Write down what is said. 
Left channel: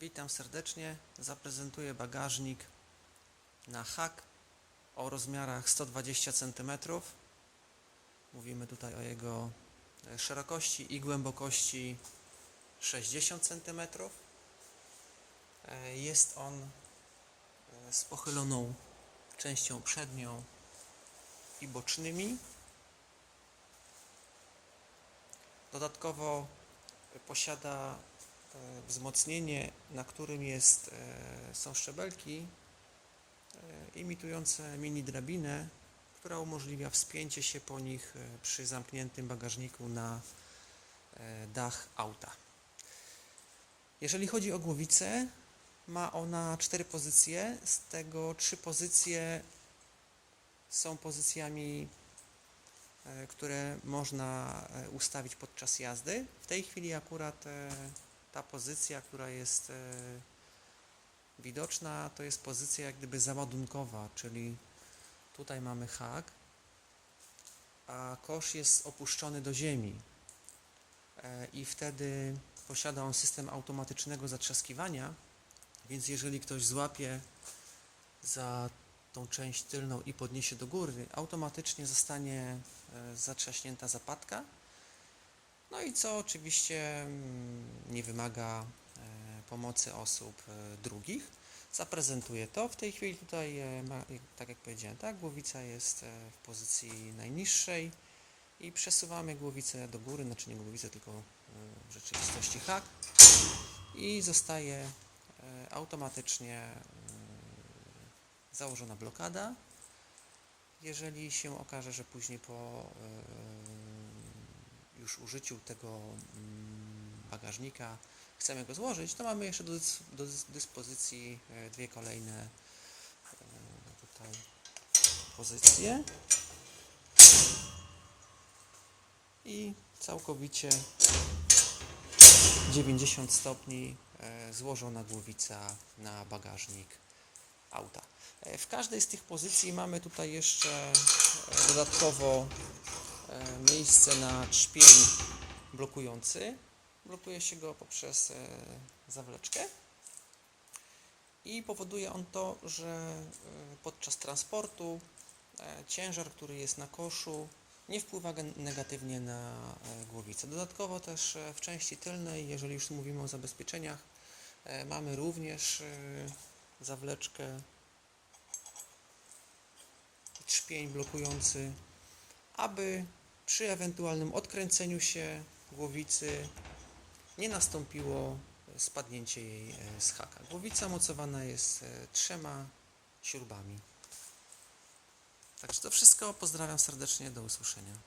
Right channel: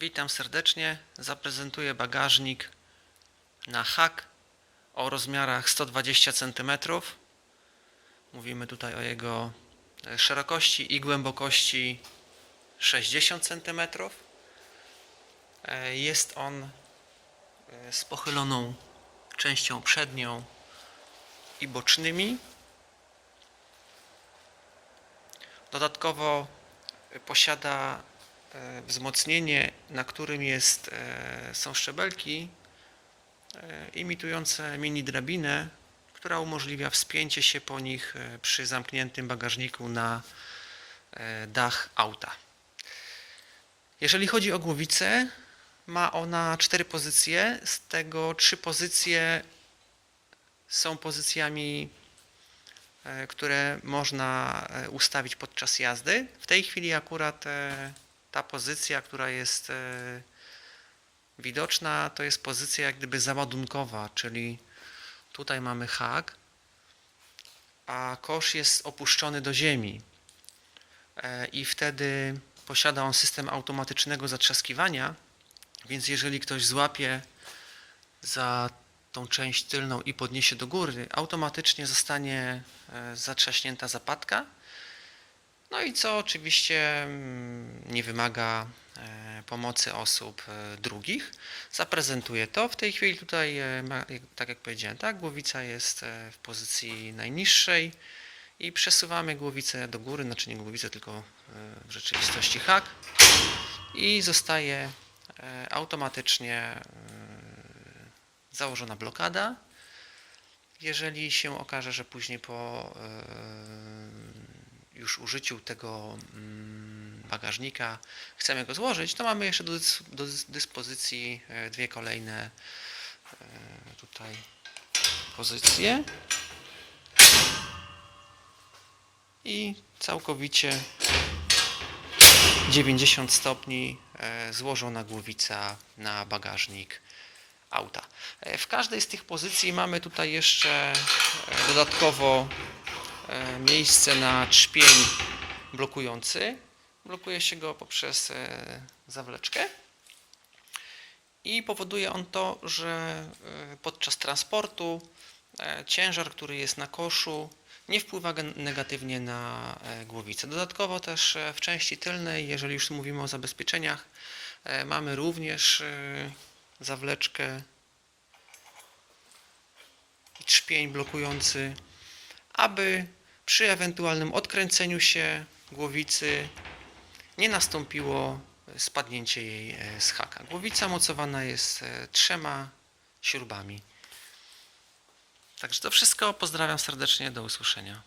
Witam serdecznie. Zaprezentuję bagażnik na hak o rozmiarach 120 cm. Mówimy tutaj o jego e, szerokości i głębokości 60 cm. E, Jest on e, z pochyloną częścią przednią i bocznymi. Dodatkowo posiada wzmocnienie, na którym jest, e, są szczebelki e, imitujące mini drabinę, która umożliwia wspięcie się po nich e, przy zamkniętym bagażniku na e, dach auta. Jeżeli chodzi o głowicę, ma ona cztery pozycje, z tego trzy pozycje są pozycjami e, które można e, ustawić podczas jazdy. W tej chwili akurat e, pozycja, która jest e, widoczna, to jest pozycja jak gdyby załadunkowa, czyli tutaj mamy hak, a kosz jest opuszczony do ziemi E, i wtedy posiada on system automatycznego zatrzaskiwania, więc jeżeli ktoś złapie za tą część tylną i podniesie do góry, automatycznie zostanie e, zatrzaśnięta zapadka. No i co oczywiście mm, nie wymaga e, pomocy osób e, drugich. Zaprezentuję to. W tej chwili tutaj, e, tak jak powiedziałem, tak, głowica jest w pozycji najniższej i przesuwamy głowicę do góry, znaczy nie głowicę, tylko w rzeczywistości hak i zostaje automatycznie założona blokada. Jeżeli się okaże, że później po już użyciu tego mm, bagażnika chcemy go złożyć, to mamy jeszcze do, do dys- dyspozycji e, dwie kolejne e, tutaj pozycje i całkowicie 90 stopni e, złożona głowica na bagażnik auta. W każdej z tych pozycji mamy tutaj jeszcze dodatkowo miejsce na trzpień blokujący. Blokuje się go poprzez e, zawleczkę i powoduje on to, że e, podczas transportu e, ciężar, który jest na koszu, nie wpływa negatywnie na głowicę. Dodatkowo też w części tylnej, jeżeli już mówimy o zabezpieczeniach, mamy również zawleczkę i trzpień blokujący, aby przy ewentualnym odkręceniu się głowicy nie nastąpiło spadnięcie jej e, z haka. Głowica mocowana jest e, trzema śrubami. Także to wszystko. Pozdrawiam serdecznie. Do usłyszenia.